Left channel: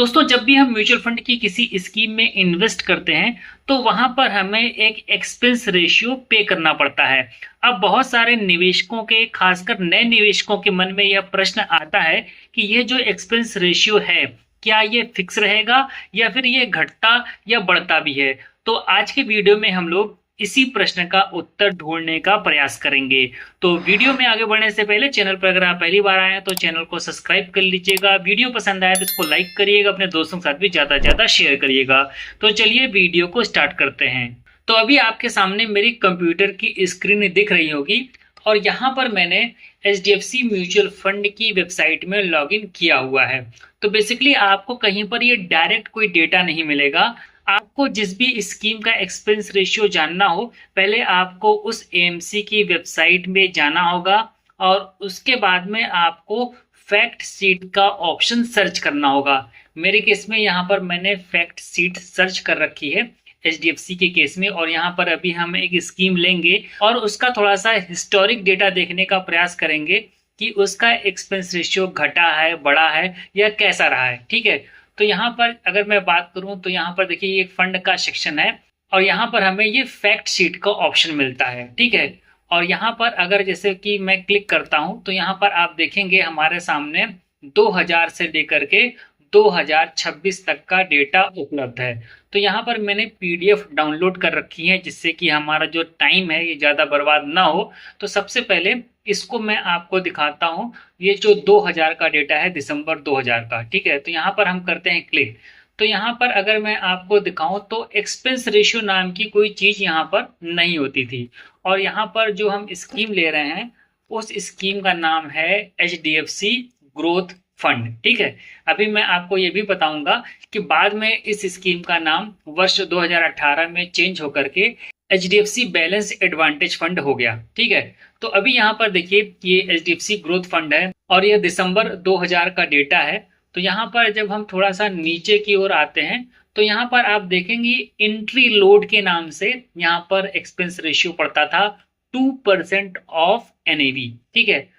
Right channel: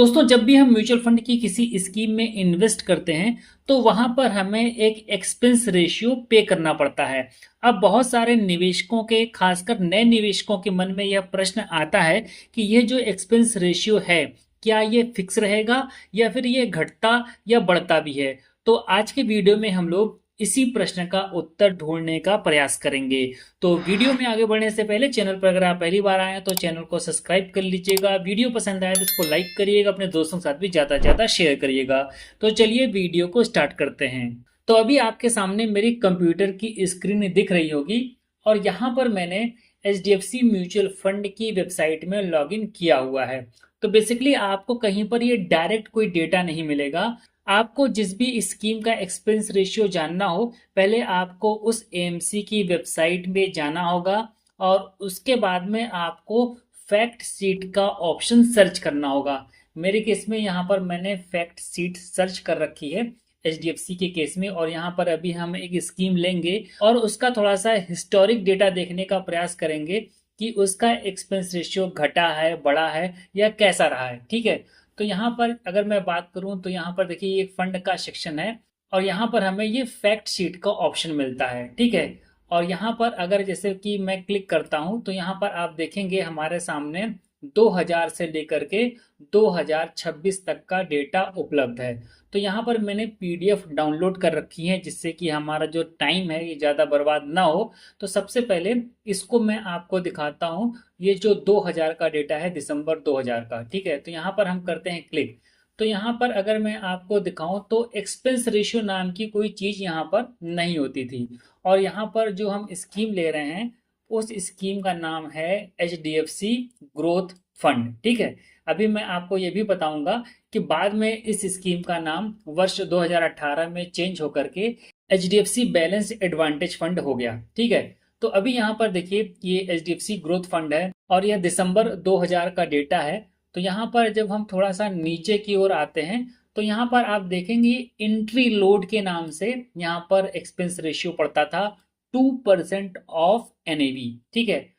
दोस्तों, जब भी हम म्यूचुअल फंड की किसी स्कीम में इन्वेस्ट करते हैं तो वहां पर हमें एक एक्सपेंस रेशियो पे करना पड़ता है। अब बहुत सारे निवेशकों के, खासकर नए निवेशकों के मन में यह प्रश्न आता है कि ये जो एक्सपेंस रेशियो है, क्या ये फिक्स रहेगा या फिर ये घटता या बढ़ता भी है। तो आज के वीडियो में हम लोग इसी प्रश्न का उत्तर ढूंढने का प्रयास करेंगे। तो वीडियो में आगे बढ़ने से पहले चैनल पर अगर आप पहली बार आए हैं तो चैनल को सब्सक्राइब कर लीजिएगा। वीडियो पसंद आए तो इसको लाइक करिएगा, अपने दोस्तों के साथ भी ज़्यादा से ज़्यादा शेयर करिएगा। तो चलिए वीडियो को स्टार्ट करते हैं। तो अभी आपके सामने मेरी कंप्यूटर की स्क्रीन दिख रही होगी और यहाँ पर मैंने HDFC म्यूचुअल फंड की वेबसाइट में लॉगिन किया हुआ है। तो बेसिकली आपको कहीं पर ये डायरेक्ट कोई डेटा नहीं मिलेगा। आपको जिस भी स्कीम का एक्सपेंस रेशियो जानना हो, पहले आपको उस AMC की वेबसाइट में जाना होगा और उसके बाद में आपको फैक्ट सीट का ऑप्शन सर्च करना होगा। मेरे केस में यहाँ पर मैंने फैक्ट सीट सर्च कर रखी है HDFC के केस में, और यहाँ पर अभी हम एक स्कीम लेंगे और उसका थोड़ा सा हिस्टोरिक डेटा देखने का प्रयास करेंगे कि उसका एक्सपेंस रेशियो घटा है, बढ़ा है या कैसा रहा है। ठीक है, तो यहाँ पर अगर मैं बात करूँ तो यहाँ पर देखिए ये फंड का सेक्शन है और यहाँ पर हमें ये फैक्ट शीट का ऑप्शन मिलता है। ठीक है, और यहाँ पर अगर जैसे कि मैं क्लिक करता हूँ तो यहाँ पर आप देखेंगे हमारे सामने 2000 से लेकर के 2026 तक का डेटा उपलब्ध है। तो यहाँ पर मैंने PDF डाउनलोड कर रखी है जिससे कि हमारा जो टाइम है ये ज़्यादा बर्बाद ना हो। तो सबसे पहले इसको मैं आपको दिखाता हूँ। ये जो 2000 का डेटा है, दिसंबर 2000 का। ठीक है, तो यहाँ पर हम करते हैं क्लिक। तो यहाँ पर अगर मैं आपको दिखाऊं तो एक्सपेंस रेशियो नाम की कोई चीज़ यहाँ पर नहीं होती थी। और यहाँ पर जो हम स्कीम ले रहे हैं उस स्कीम का नाम है HDFC ग्रोथ फंड। ठीक है, अभी मैं आपको ये भी बताऊंगा कि बाद में इस स्कीम का नाम वर्ष 2018 में चेंज होकर के HDFC बैलेंस एडवांटेज फंड हो गया। ठीक है, तो अभी यहाँ पर देखिए ये HDFC ग्रोथ फंड है और ये दिसंबर 2000 का डेटा है। तो यहाँ पर जब हम थोड़ा सा नीचे की ओर आते हैं तो यहाँ पर आप देखेंगे एंट्री लोड के नाम से यहाँ पर एक्सपेंस रेशियो पड़ता था 2% ऑफ NAV। ठीक है,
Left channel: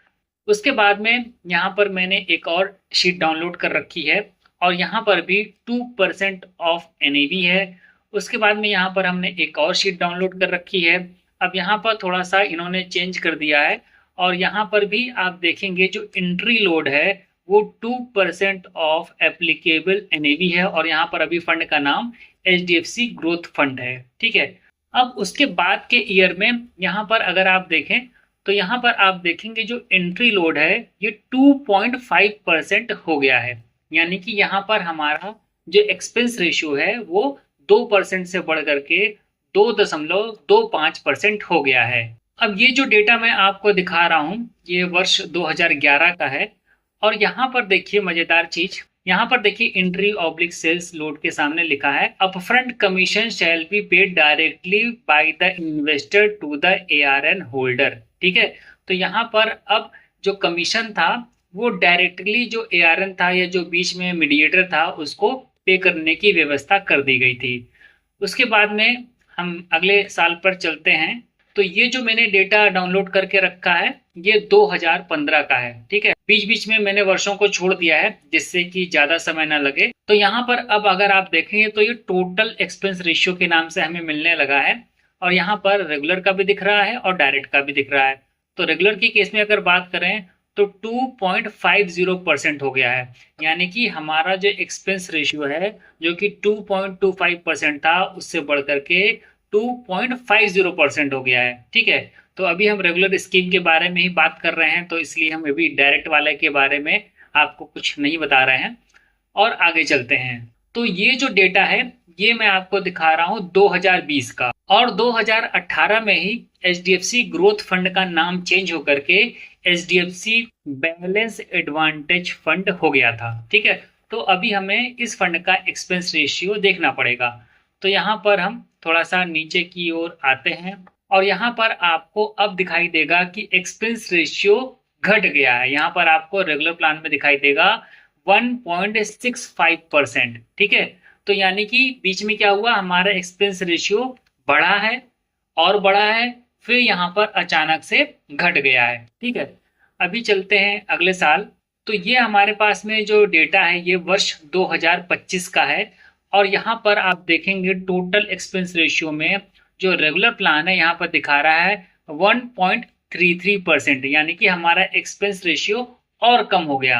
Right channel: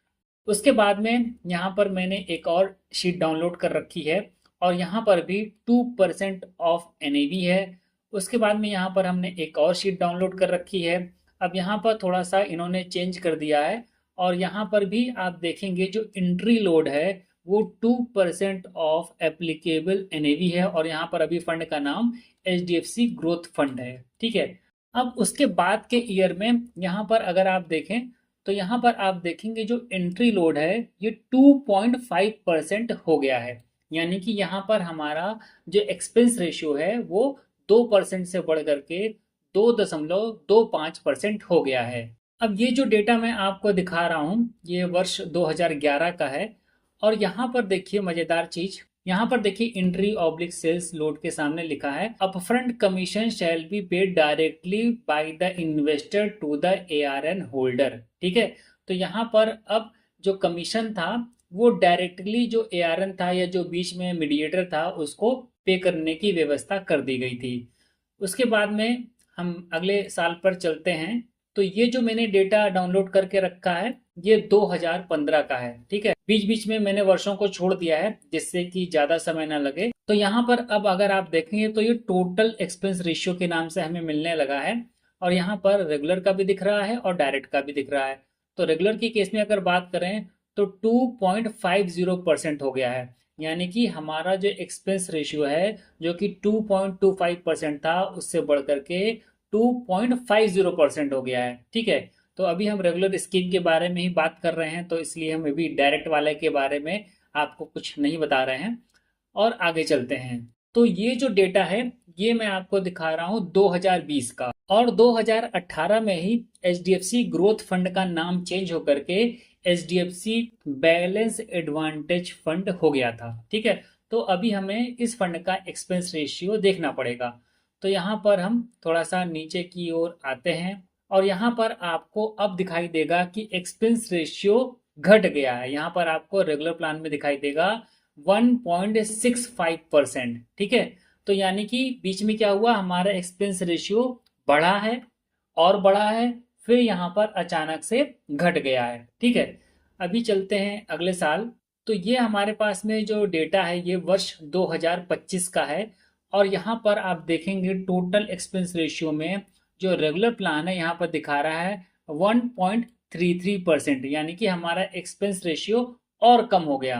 उसके बाद में यहाँ पर मैंने एक और शीट डाउनलोड कर रखी है और यहाँ पर भी 2% ऑफ NAV है। उसके बाद में यहाँ पर हमने एक और शीट डाउनलोड कर रखी है। अब यहाँ पर थोड़ा सा इन्होंने चेंज कर दिया है और यहाँ पर भी आप देखेंगे जो एंट्री लोड है वो 2% ऑफ एप्लीकेबल NAV है और यहाँ पर अभी फंड का नाम HDFC ग्रोथ फंड है। ठीक है, अब उसके बाद के ईयर में यहाँ पर अगर आप देखें तो यहाँ पर आप देखेंगे जो एंट्री लोड है ये 2.5% हो गया है। यानी कि यहाँ पर हमारा जो एक्सपेंस रेशियो है वो 2% से बढ़ करके 2.25% हो गया है। अब ये जो डेटा मैं आपको दिखा रहा हूँ ये वर्ष 2011 का है और यहाँ पर देखिए मजेदार चीज, यहाँ पर देखिए एंट्री ऑब्लिक सेल्स लोड के सामने लिखा है upfront commission shall be paid directly by the investor to the ARN holder. ठीक है, तो यहाँ पर अब जो कमीशन था वो डायरेक्टली जो ARN था या जो बीच में मीडिएटर था उसको पे करने की व्यवस्था कर दी गई थी। उसके बाद में हम अगले साल पर चलते हैं। तो ये जो मैंने डेटा डाउनलोड करके रखा है ये 2015 का है। ठीक है, बीच बीच में मैंने वर्षों को छोड़ दिया है जिससे कि ज्यादा समय ना लगे। तो यहाँ पर अब अगर आप देखेंगे तो ये टोटल एक्सपेंस रेशियो के नाम से हमें मिलने लगा है और यहाँ पर रेगुलर का भी दिख रहा है और डायरेक्ट का भी दिख रहा है। तो रेगुलर के केस में अगर बात करें तो 2.50% हो गया है। यानी कि हमारा जो एक्सपेंस रेशियो है जो कि 2.25% था उससे बढ़ करके 2.50% हो गया है। ठीक है, तो अभी हम रेगुलर स्कीम के बारे में ही बात कर रहे हैं तो इसलिए हम अभी डायरेक्ट वाले के बारे में आपको कुछ नहीं बता रहे हैं और आगे चलते हैं। तो ये जो डेटा है ये मैं आपको दिखा रहा हूँ 2020 का, और 2018 में ही HDFC ग्रोथ फंड का नाम चेंज होकर के HDFC बैलेंस एडवांटेज फंड हो गया था। ठीक है, तो अभी हमें इस फंड का एक्सपेंस रेशियो देखना पड़ेगा। तो यहाँ पर हम थोड़ा सा नीचे की ओर आते हैं और यहाँ पर आपको अब दिखाई देगा कि एक्सपेंस रेशियो घट गया है। यहाँ पर आपको रेगुलर प्लान में दिखाई देगा 1.65%। ठीक है, तो यानी कि बीच में क्या हुआ, हमारा एक्सपेंस रेशियो बढ़ा है और बढ़ा है, फिर यहाँ पर अचानक से घट गया है। ठीक है, अभी चलते हैं अगले साल। तो ये हमारे पास में जो डेटा है ये वर्ष 2025 का है। और यहाँ पर आप देखेंगे टोटल एक्सपेंस रेशियो में जो रेगुलर प्लान है यहाँ पर दिखा रहा है 1.33%, यानी कि हमारा एक्सपेंस रेशियो और कम हो गया।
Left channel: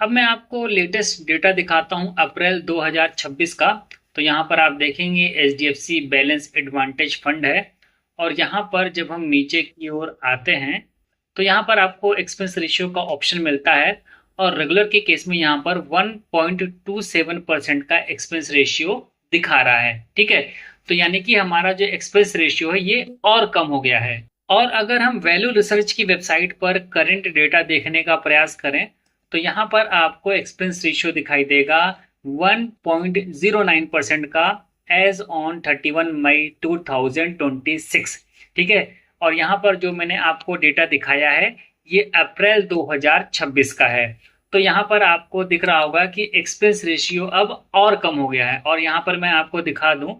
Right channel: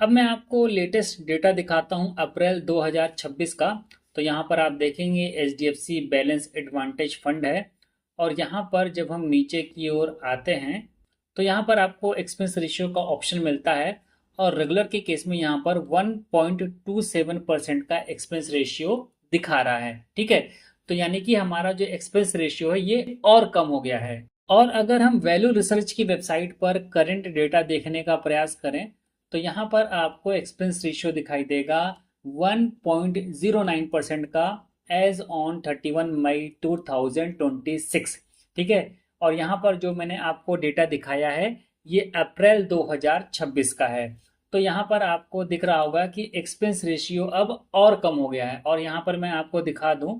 अब मैं आपको लेटेस्ट डेटा दिखाता हूँ अप्रैल 2026 का। तो यहाँ पर आप देखेंगे HDFC बैलेंस एडवांटेज फंड है, और यहाँ पर जब हम नीचे की ओर आते हैं तो यहाँ पर आपको एक्सपेंस रेशियो का ऑप्शन मिलता है, और रेगुलर के केस में यहाँ पर 1.27% का एक्सपेंस रेशियो दिखा रहा है। ठीक है, तो यानी कि हमारा जो एक्सपेंस रेशियो है ये और कम हो गया है। और अगर हम वैल्यू रिसर्च की वेबसाइट पर करंट डेटा देखने का प्रयास करें तो यहाँ पर आपको एक्सपेंस रेशियो दिखाई देगा 1.09% का एज ऑन 31 मई 2026। ठीक है, और यहाँ पर जो मैंने आपको डेटा दिखाया है ये अप्रैल 2026 का है। तो यहाँ पर आपको दिख रहा होगा कि एक्सपेंस रेशियो अब और कम हो गया है। और यहाँ पर मैं आपको दिखा दूं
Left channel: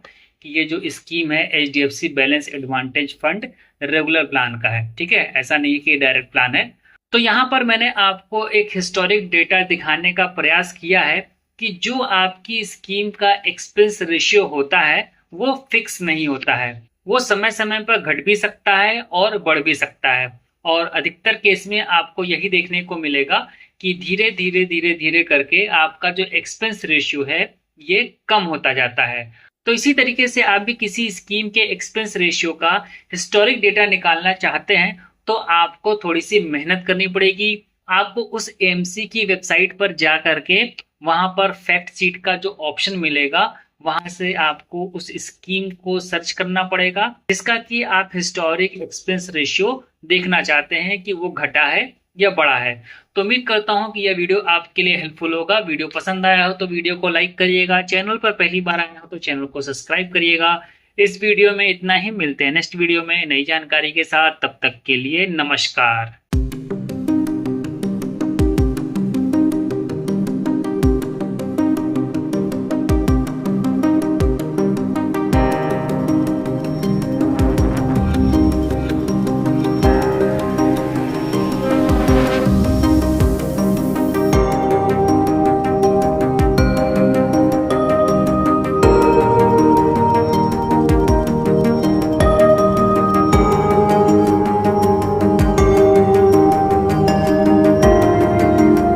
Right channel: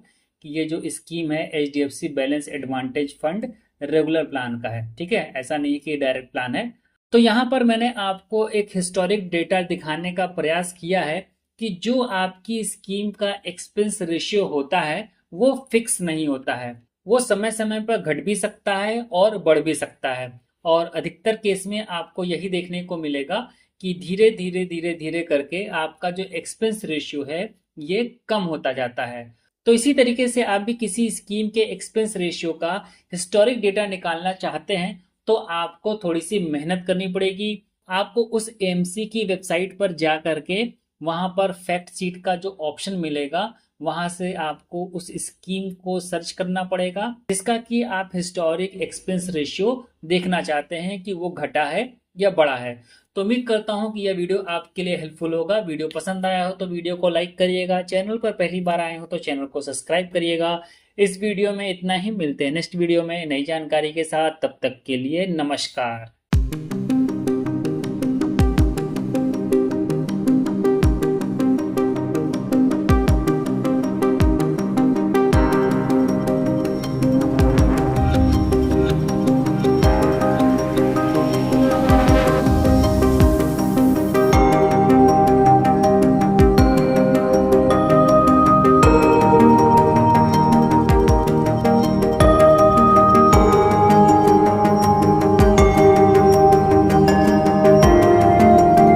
कि ये जो स्कीम है HDFC balance advantage fund regular plan का है। ठीक है, ऐसा नहीं कि डायरेक्ट प्लान है। तो यहाँ पर मैंने आपको एक हिस्टोरिक डेटा दिखाने का प्रयास किया है कि जो आपकी स्कीम का एक्सपेंस रेशियो होता है वो फिक्स नहीं होता है, वो समय समय पर घट भी सकता है और बढ़ भी सकता है। और अधिकतर केस में आपको यही देखने को मिलेगा कि धीरे धीरे धीरे धीरे करके आपका जो एक्सपेंस रेशियो है ये कम होता जाता है। तो इसी तरीके से आप भी किसी स्कीम के एक्सपेंस रेशियो का हिस्टोरिक डेटा निकालना चाहते हैं तो आपको थोड़ी सी मेहनत करनी पड़ेगी। आपको उस AMC की वेबसाइट पर जा करके वहां पर फैक्ट शीट का जो ऑप्शन मिलेगा वहां से आपको उस स्कीम को सर्च करना पड़ेगा जिसका कि आप हिस्टोरिक एक्सपेंस रेशियो देखना चाहते हैं कि वो घटा है या बढ़ा है। तो उम्मीद करता हूं कि यह वीडियो आपके लिए हेल्पफुल होगा। वीडियो पसंद आया हो तो वीडियो को लाइक करिएगा, चैनल पर पहली बार आए हो तो चैनल को सब्सक्राइब करिएगा। इस वीडियो में इतना ही, मिलते हैं नेक्स्ट वीडियो में नई जानकारी के साथ। तब तक के लिए नमस्कार।